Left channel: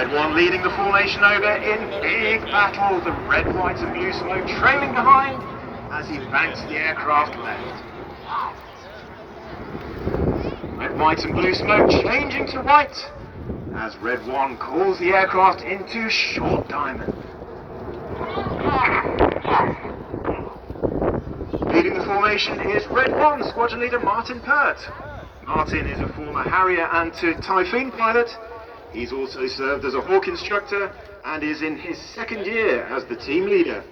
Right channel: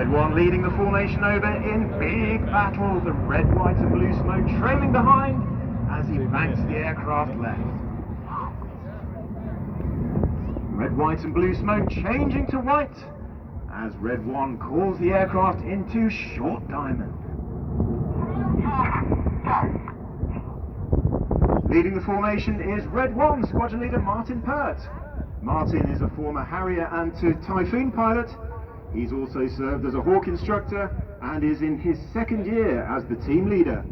Red 1 leading the formation over in big battle. The red, white and blue smoke trailing behind as he banks the aircraft left. Red, white and blue smoke changing to white as Red 1 calls the aircraft into short diamond. Leading the formation is Red 1 squadron leader Martin Pert. Martin is a former Harrier and Typhoon pilot. He's also served as a Hawk instructor and is in his second year as the team leader.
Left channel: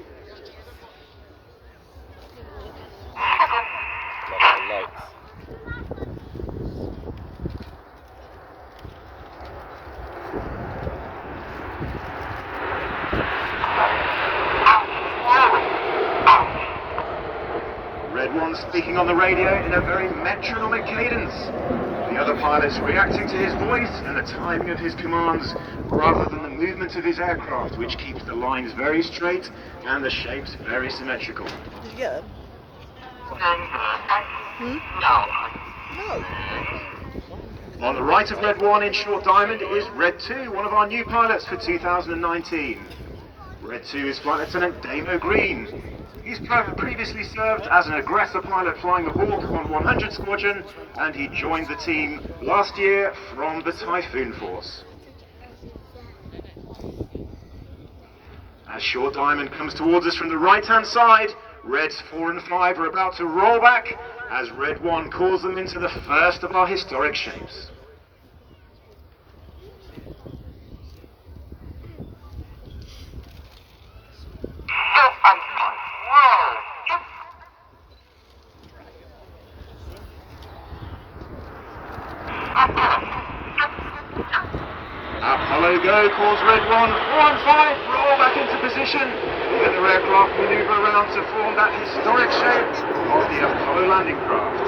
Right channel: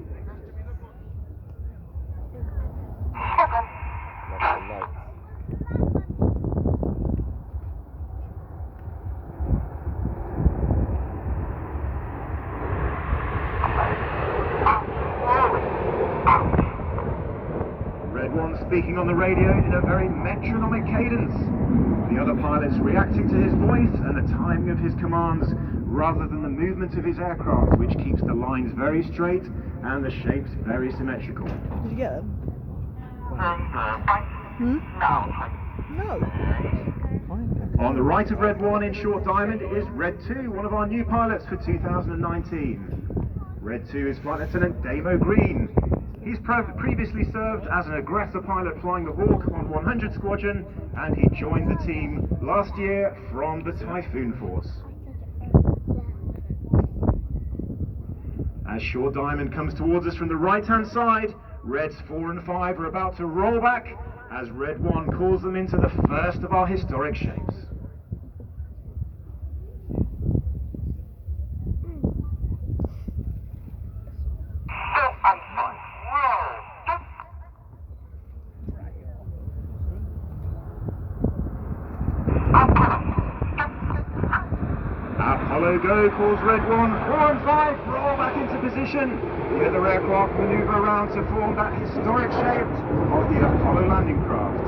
Red 1 speaking on the radio in a very metronomic cadence. The other pilots reacting to his voice and the timing of his commands rather than the movement of his aircraft, which keeps the lines very straight and the shapes very symmetrical. Did you get them? No. On the right of Red 1 in short diamond is Red 2, one of our new pilots for 2019. Red 2 is Flight Lieutenant Damo Green. He's previously served as an aggressor pilot flying the Hawk on 100 Squadron, and he joined the team last year from the Typhoon Force. As short diamond comes towards us from the right-hand side, Reds 4 and 5 are about to roll back as Red 1 calls them into the first of our historic shapes. Apollo Go calls Red 1, 4 and 5, roll back into position. The other aircraft maneuver around to form that historic shape of the Apollo landing craft.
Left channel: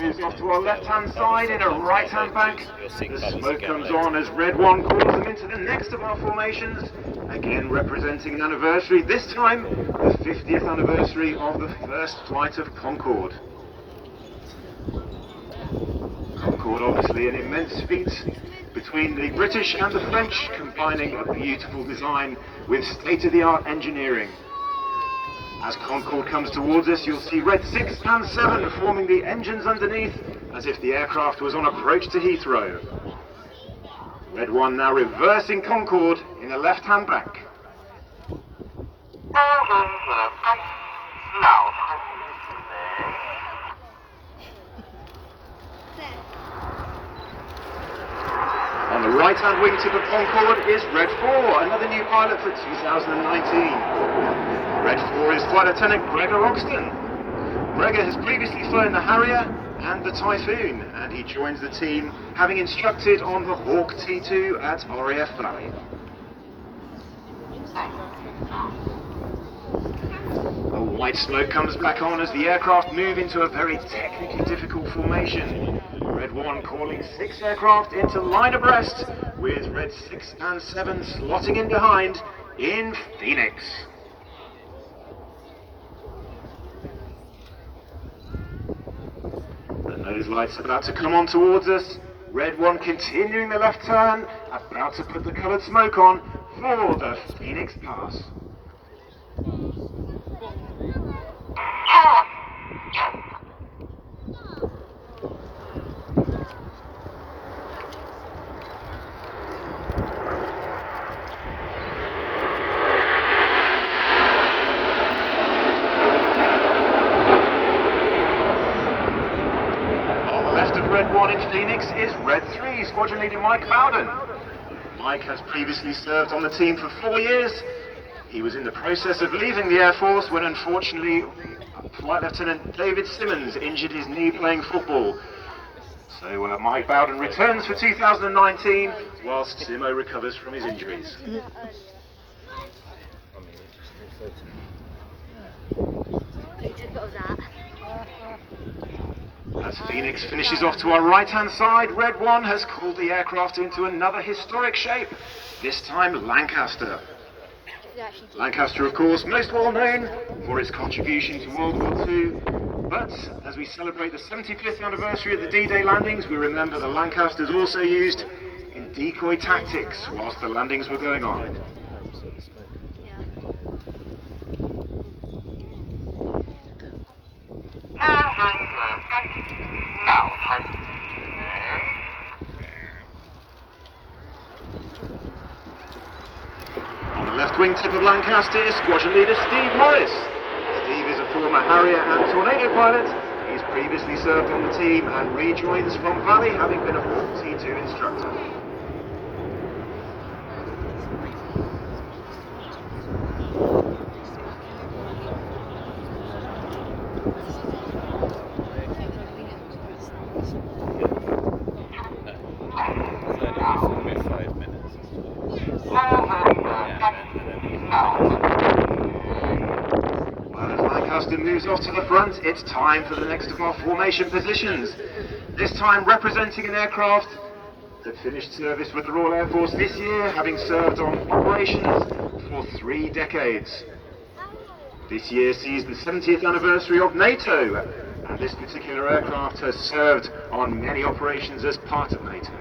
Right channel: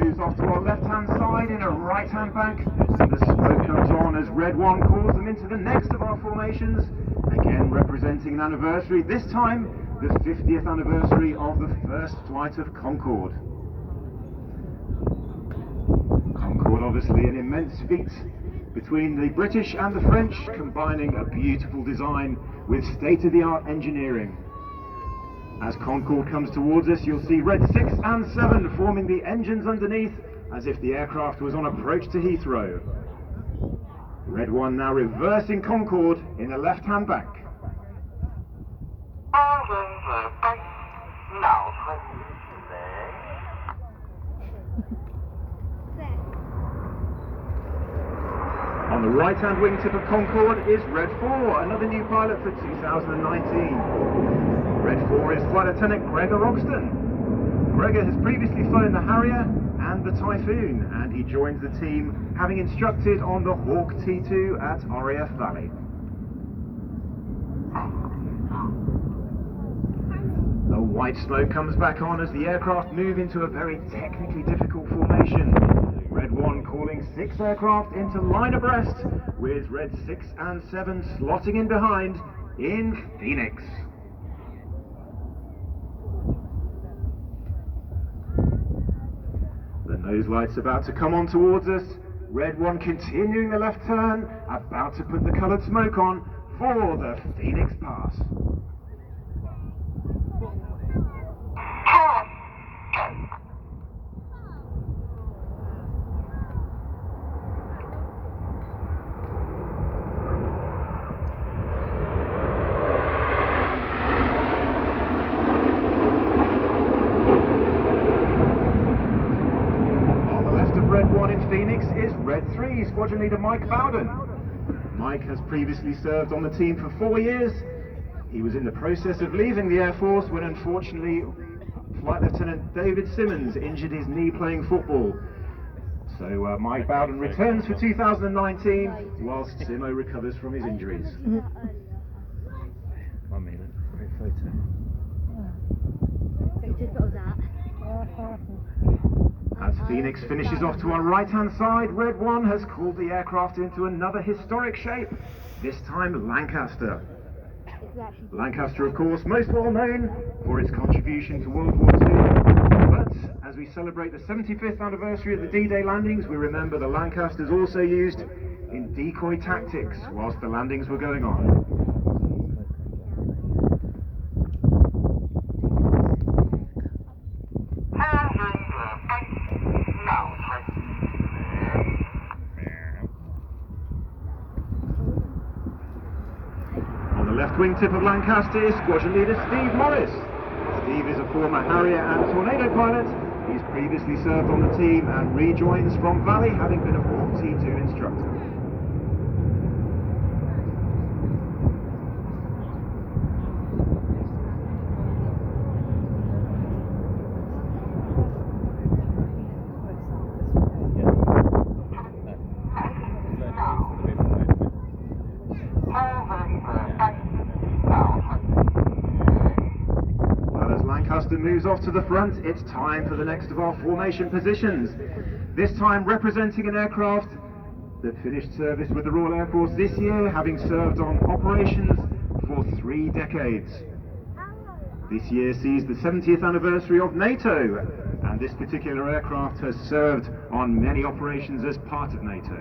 Moves off to our left-hand side in a right-hand bank. The smoke comes on as Red 1 calls them into the next of our formations, again representing an anniversary, this time the 50th anniversary of the first flight of Concorde. Concorde, obviously an immense feat between the British and the French, combining a beautiful design with state-of-the-art engineering. As Concorde comes towards us, you'll see Red 6 and 7 forming the engines underneath, as if the aircraft was on approach to Heathrow. Red 1 now reversing Concorde in the left-hand bank. On the right-hand wingtip of Concorde is Red 4, another new pilot for 2019. Red 4 is Flight Lieutenant Gregor Ogston. Gregor has previously flown the Harrier and the Typhoon, and he joins the team having instructed on the Hawk T2 at RAF Valley. The white smoke comes back on as the aircraft move into a very technically difficult formation. Red 1 calling 6 aircraft into line abreast, with Red 6 and 7 slotting in behind in Phoenix. Nose light's about to come on towards us. Red 1 continuing the left turn, about to put the coloured smoke on for the Phoenix Pass. Red 1 in Phoenix is Red 3, Squadron Leader Mike Bowden. Mike has previously served on the team for 4 years. He was in the process of leaving the Air Force when unfortunately Flight Lieutenant David Simmons injured his knee playing football. So Mike Bowden returns for 2019 whilst Simo recovers from his injuries. As As Phoenix finishes off to our right-hand side, Red 1 has cooled the aircraft into another historic shape, this time Lancaster. Lancaster, of course, most well known for its contribution to World War II, but as we celebrate the 75th anniversary of the D-Day landings, we remember the Lancasters also used in decoy tactics whilst the landings were going on. On the left wingtip of Lancaster is Squadron Leader Steve Morris. Steve is a former Harrier and Tornado pilot. He's previously served on the team and rejoins from Valley, having been a Hawk T2 instructor. Moves off to the front, it's time for the next of our formation positions. This time representing an aircraft that finished service with the Royal Air Force this year, having served on operations for 3 decades. This year sees the 70th anniversary of NATO, and this particular aircraft has served on many operations as part of NATO.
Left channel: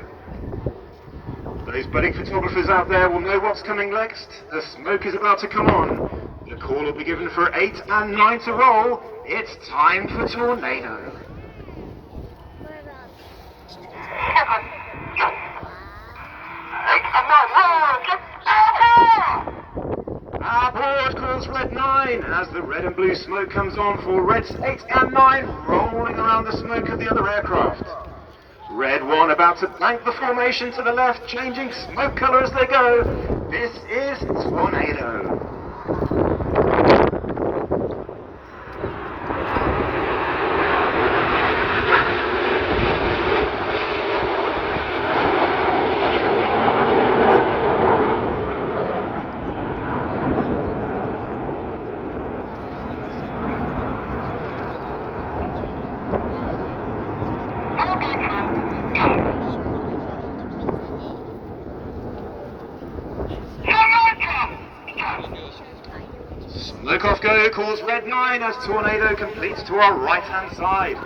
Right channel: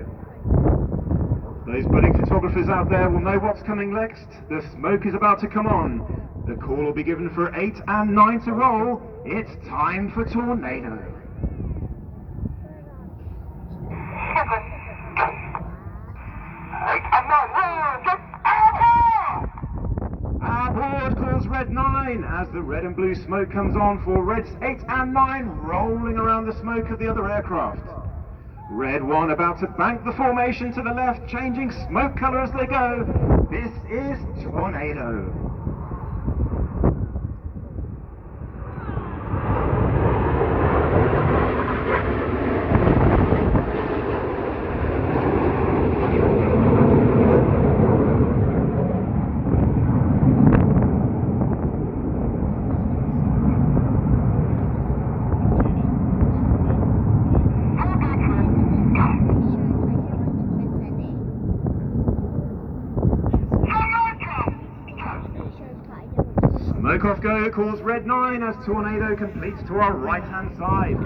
Those budding photographers out there will know what's coming next. The smoke is about to come on. The call will be given for 8 and 9 to roll. It's time for Tornado. Aboard calls Red 9 as the red and blue smoke comes on for Reds 8 and 9 rolling around the smoke of the other aircraft. Red 1 about to bank the formation to the left, changing smoke colour as they go. This is Tornado. Smoke off go calls Red 9 as Tornado completes to our right-hand side.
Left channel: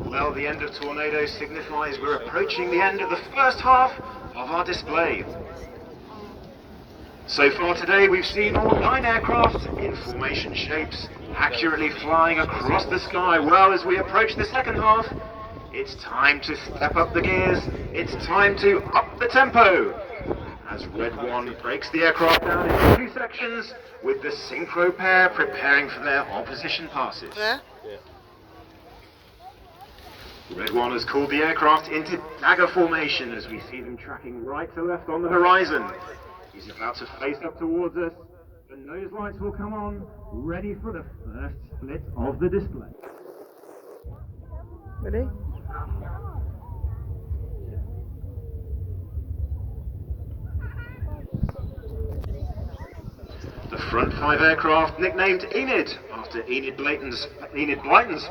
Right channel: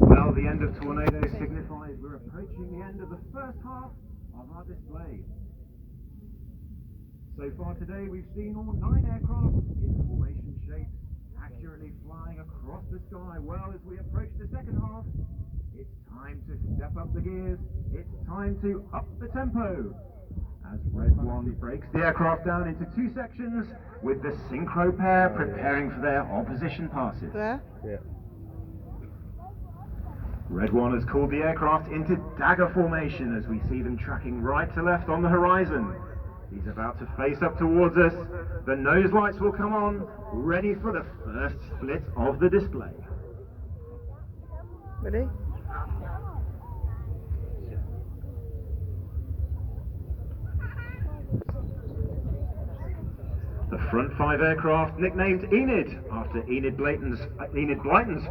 Well, the end of Tornado signifies we're approaching the end of the first half of our display. So far today we've seen all 9 aircraft in formation shapes, accurately flying across the sky. Well, as we approach the second half, it's time to step up the gears, it's time to up the tempo. As Red 1 breaks the aircraft down into 2 sections, with the synchro pair preparing for their opposition passes. Yeah. Red 1 has called the aircraft into dagger formation as we see them tracking right to left on the horizon. He's about to face up towards us. The nose lights will come on, ready for the first split of the display. Ready? The front 5 aircraft, nicknamed Enid, after Enid Blyton's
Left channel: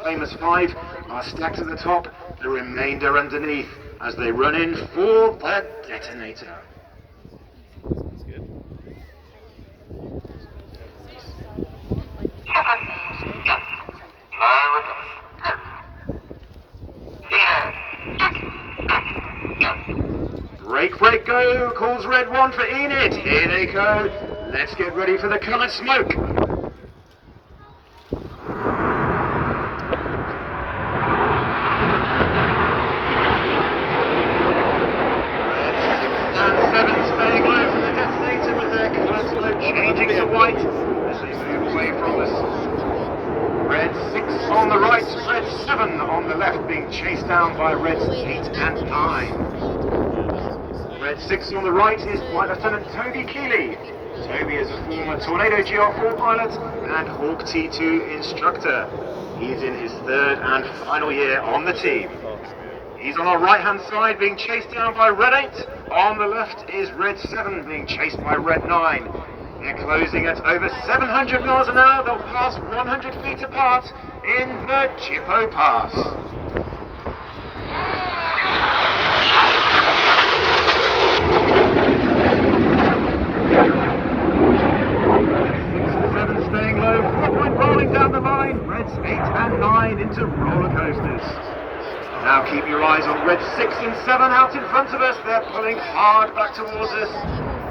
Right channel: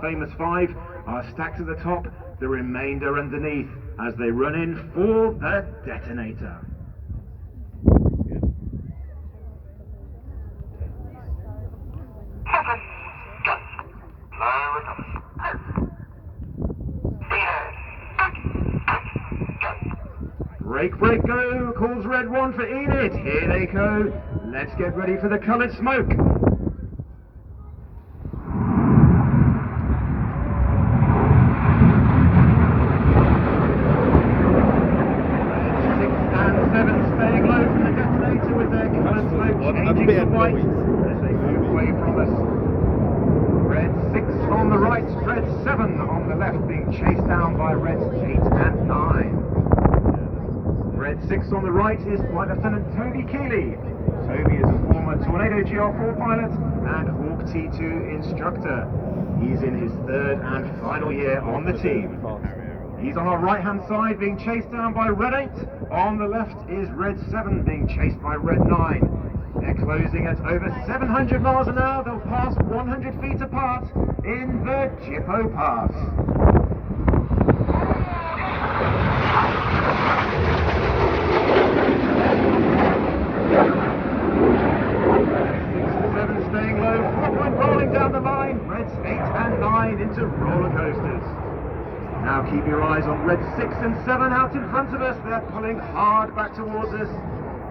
famous 5, are stacked at the top, the remainder underneath, as they run in for the detonator. Break, go, calls Red 1 for Enid. Here they go. Let's get ready for the coloured smoke. Red 6 and 7 staying low from the detonator with their coloured smoke changing to white as they move away from us. Red 6 on the right, Red 7 on the left being chased down by Reds 8 and 9. Red 6 on the right is Flight Lieutenant Toby Keeley. Toby is a former Tornado GR4 pilot and Hawk T2 instructor. He is in his 3rd and final year on the team. He's on our right-hand side being chased down by Red 8. On the left is Red 7 being chased by Red 9. They're closing at over 700 miles an hour. They'll pass 100 feet apart in the Jippo Pass. Now keep your eyes on red 6 and 7 out in front of us. They're pulling hard back towards us.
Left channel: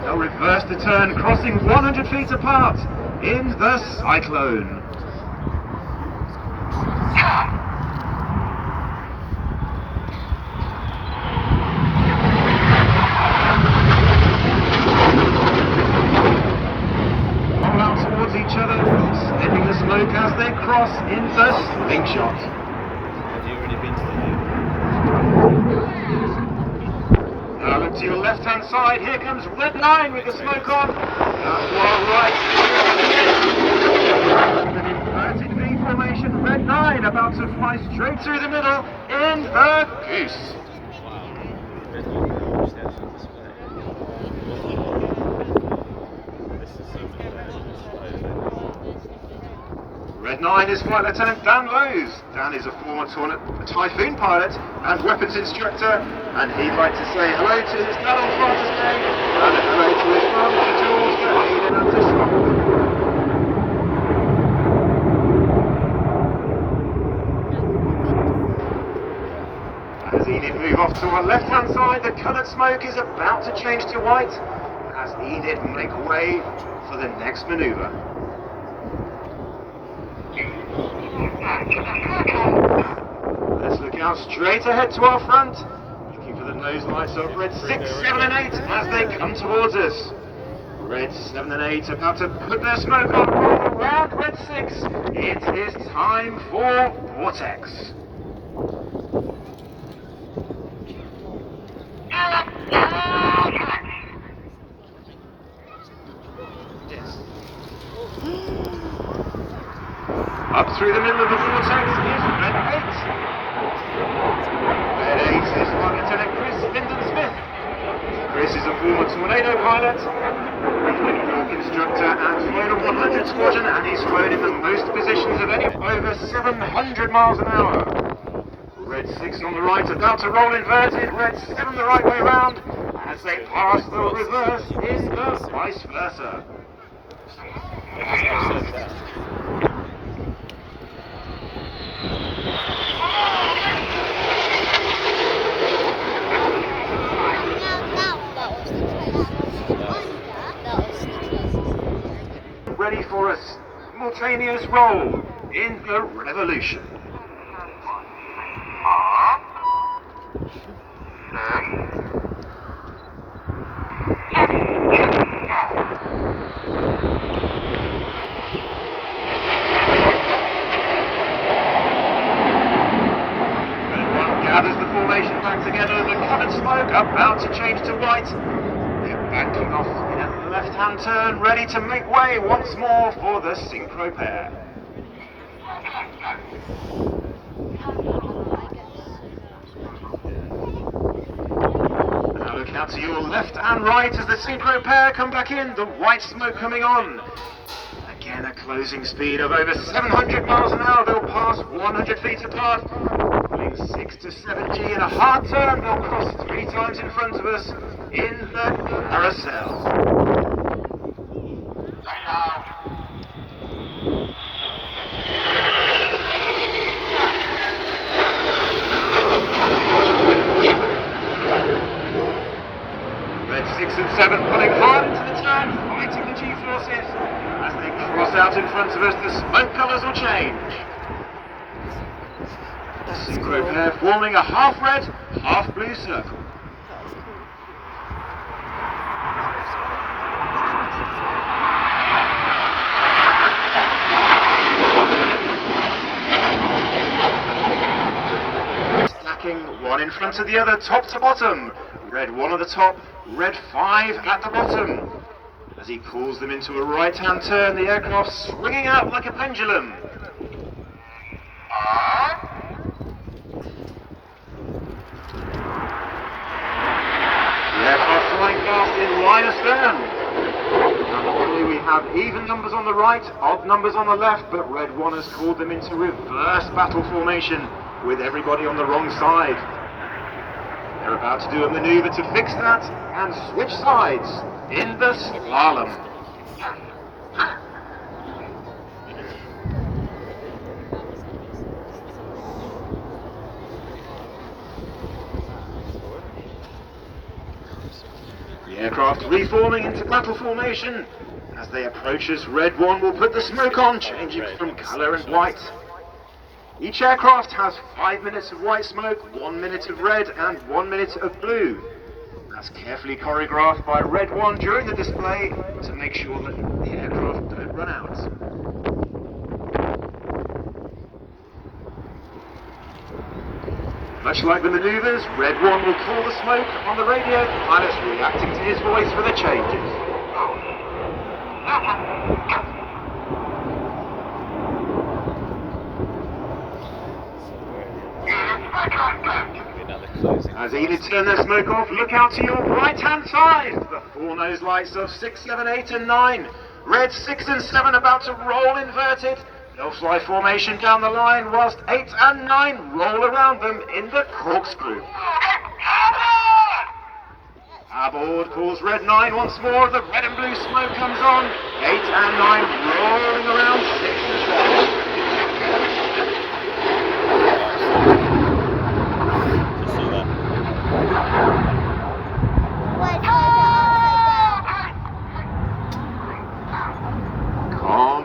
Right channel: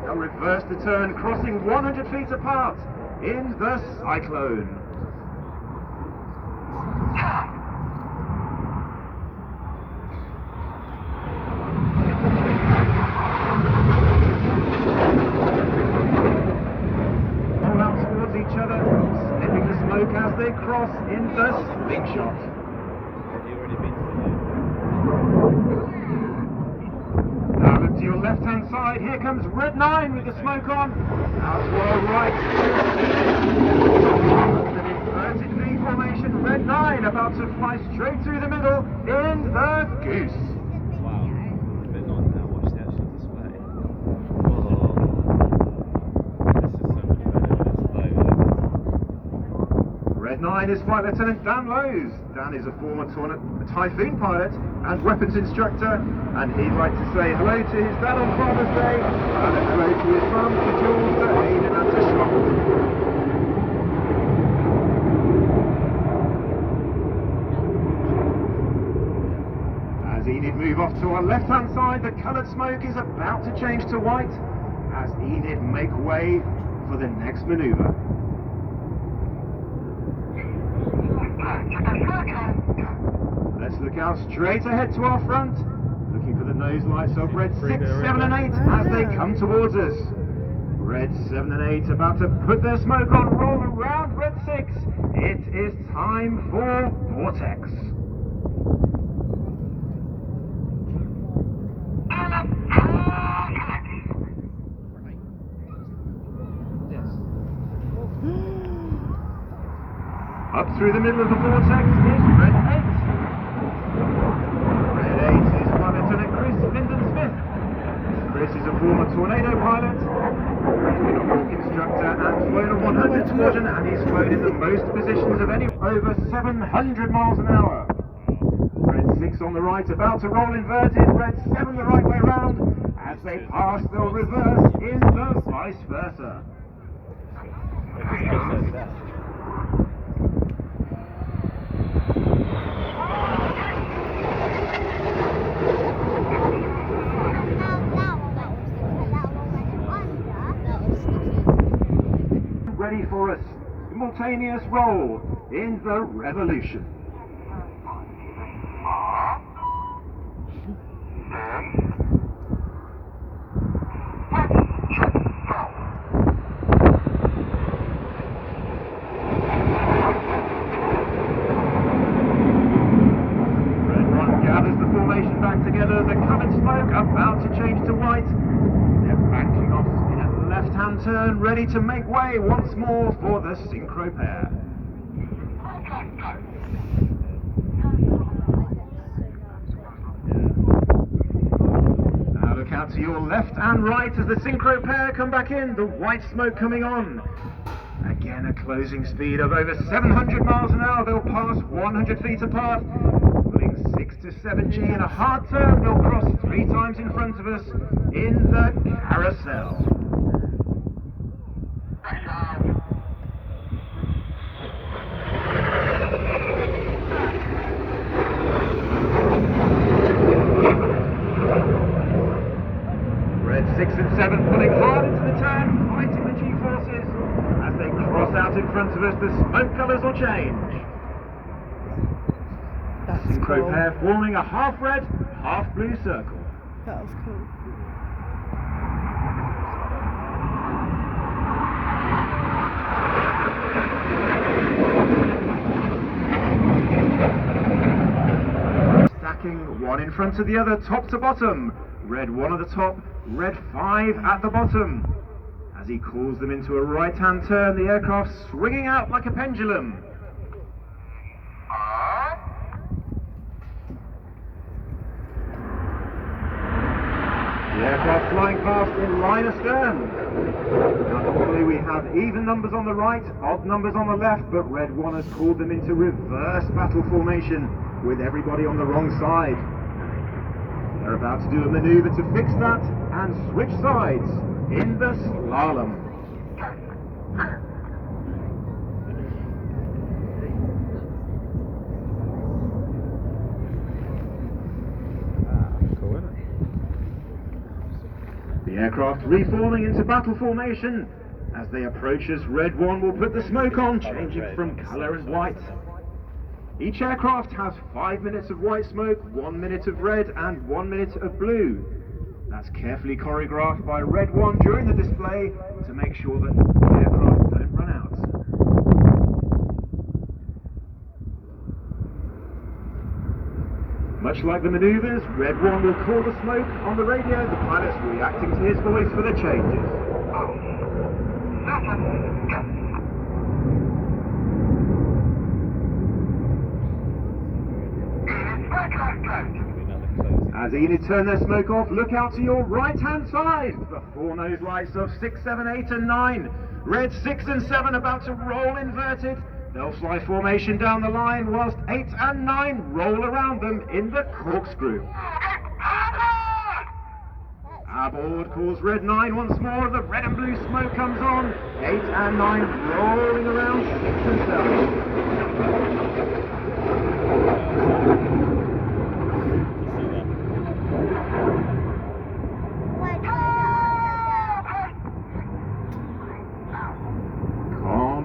They'll reverse the turn, crossing 100 feet apart in the cyclone. Roll out towards each other, sniffing the smoke as they cross in the slingshot. Have you already been to the Now look to your left-hand side. Here comes red 9 with the smoke on. Out to our right. An inverted V formation. Red 9 about to fly straight through the middle in the goose. Wow. This is so much better display. Red 9 is Flight Lieutenant Dan Lowes. Dan is a former Typhoon pilot and weapons instructor, and he'd like to say hello to his dad on Father's Day and hello to his mum, to Jules, to Aidan and to Schrock. As Enid move off to our left-hand side, the coloured smoke is about to change to white as Enid make way for the next manoeuvre. Let's look out straight ahead to our front, looking for the nose lights of red 6, 7 and 8 as they come towards us. Red 7 and 8 about to put their smoke on, around red 6. It is time for Vortex. Up through the middle of the vortex is red 8. Red 8 is Flight Lieutenant Chris Linden-Smith. Chris is a former Tornado pilot, Hawk instructor and flown a 100 squadron, and he's flown in the most positions of any, over 700 miles an hour. Red 6 on the right about to roll inverted, red 7 the right way round. As they pass, they'll reverse in the vice versa. Ready for a simultaneous roll in the revolution. Gathers the formation back together, the coloured smoke about to change to white. They're banking off in a left-hand turn, ready to make way once more for the synchro pair. Now look out to your left and right as the synchro pair come back in, the white smoke coming on. Again, a closing speed of over 700 miles an hour, they'll pass 100 feet apart. 6 to 7G in a hard turn, they'll cross 3 times in front of us in the carousel. Red 6 and 7 pulling hard into the turn, fighting the G-forces. As they cross out in front of us, the smoke colours will change. Synchro pair forming a half red, half blue circle. That was cool. Stacking one in front of the other, top to bottom. Red 1 at the top, red 5 at the bottom. As he calls them into a right-hand turn, the aircraft swinging out like a pendulum. The aircraft flying past in line astern. Normally we have even numbers on the right, odd numbers on the left, but Red 1 has called them into reverse battle formation with everybody on the wrong side. They're about to do a manoeuvre to fix that and switch sides in the slalom. The aircraft reforming into battle formation. As they approach us, Red 1 will put the smoke on, changing from colour and white. Each aircraft has 5 minutes of white smoke, 1 minute of red and 1 minute of blue. That's carefully choreographed by Red 1 during the display to make sure that the aircraft don't run out. Much like the manoeuvres, Red 1 will call the smoke on the radio, the pilot's reacting to his voice for the changes. As Enid turn their smoke off, look out to your right-hand side. The 4 nose lights of 6, 7, 8 and 9. Red 6 and 7 about to roll inverted. They'll fly formation down the line whilst 8 and 9 roll around them in the corkscrew. Aboard calls Red 9 once more. The red and blue smoke comes on. 8 and 9 rolling around 6 and 7.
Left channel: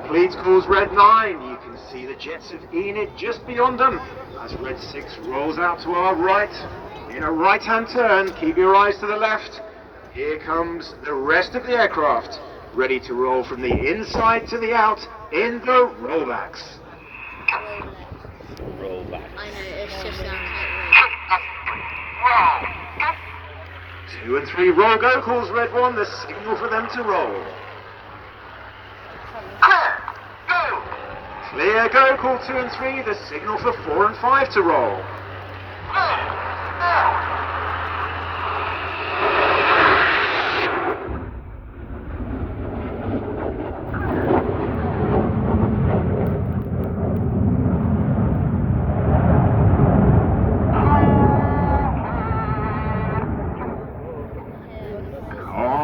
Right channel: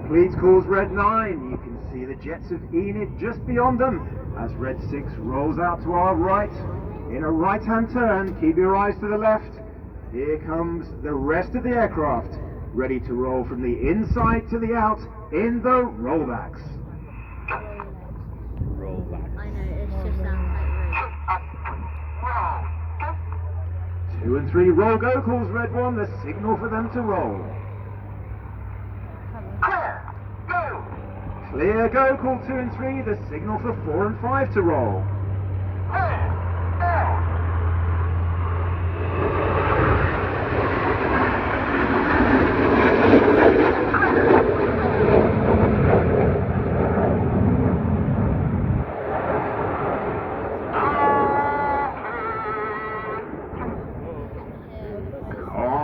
Complete calls Red 9. You can see the jets of Enid just beyond them as Red 6 rolls out to our right. In a right-hand turn, keep your eyes to the left. Here comes the rest of the aircraft, ready to roll from the inside to the out in the rollbacks. I know, it's just 2 and 3 roll go calls Red 1, the signal for them to roll. Clear go call 2 and 3, the signal for 4 and 5 to roll.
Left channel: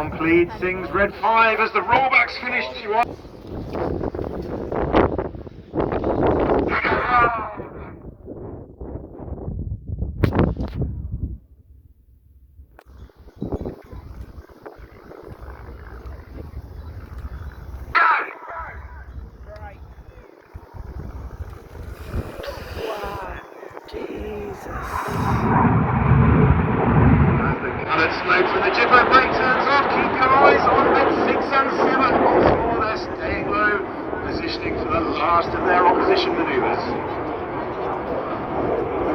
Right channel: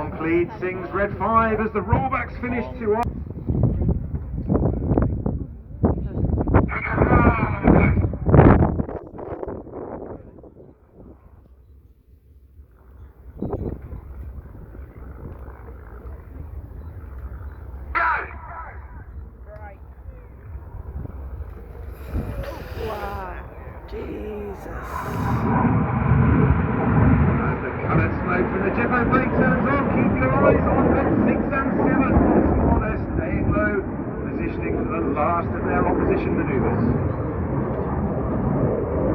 Complete sings Red 5 as the rollbacks finish to us. Wow. Jesus. As the coloured smoke from the jibbo brake turns off, keep your eyes on Red 6 and 7. Once more they're staying low, positioning for the last of their opposition manoeuvres.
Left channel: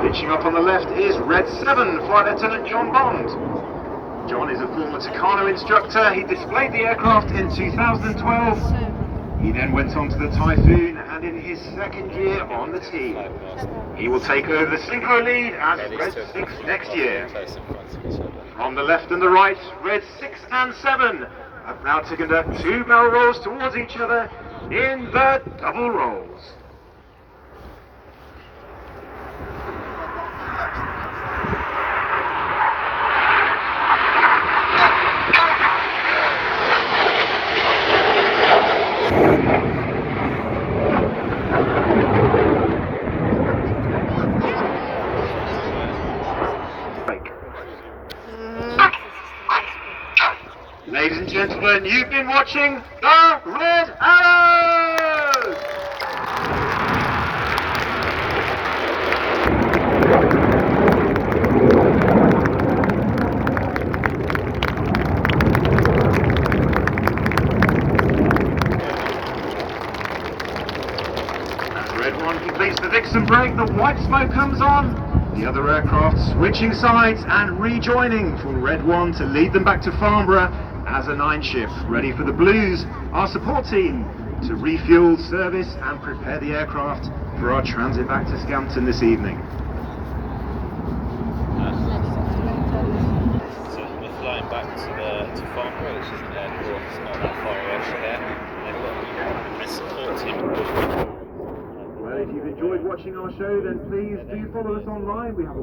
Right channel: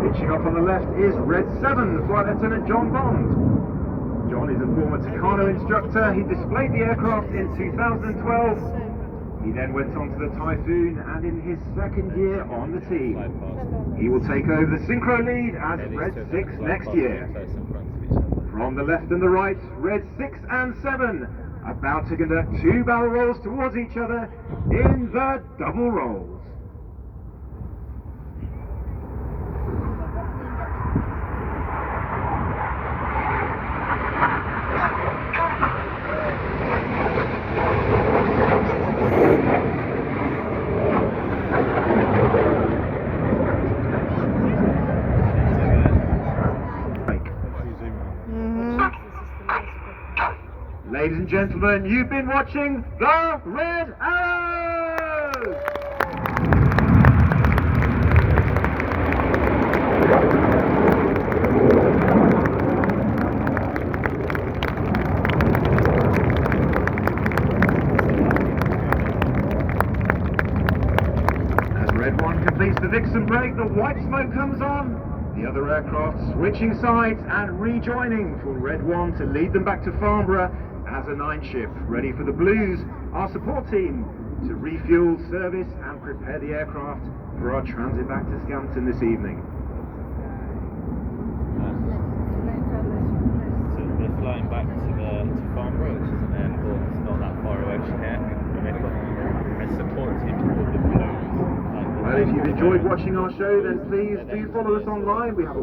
Pitching up on the left is Red 7, Flight Lieutenant John Bond. John is a former Tucano instructor. He displayed the aircraft in 2012. He then went on to the Typhoon and in his second year on the team. He will take over the synchro lead as Red 6 next year. From the left and the right, Red 6 and 7 about to conduct 2 barrel rolls towards each other in the double rolls. Ladies and gentlemen, you've been watching the Red Arrows! As Red 1 completes the Vixen break, the white smoke comes on. The other aircraft switching sides and rejoining for Red 1 to lead them back to Farnborough as a 9 ship, ready for the Blues, our support team, to refuel, service and prepare the aircraft for our transit back to Scampton this evening. So we're flying back to Farnborough, which is an airport, it's not that far away from here, and they've got a support team. Well, if you've enjoyed watching our show, then please do follow us online. We have a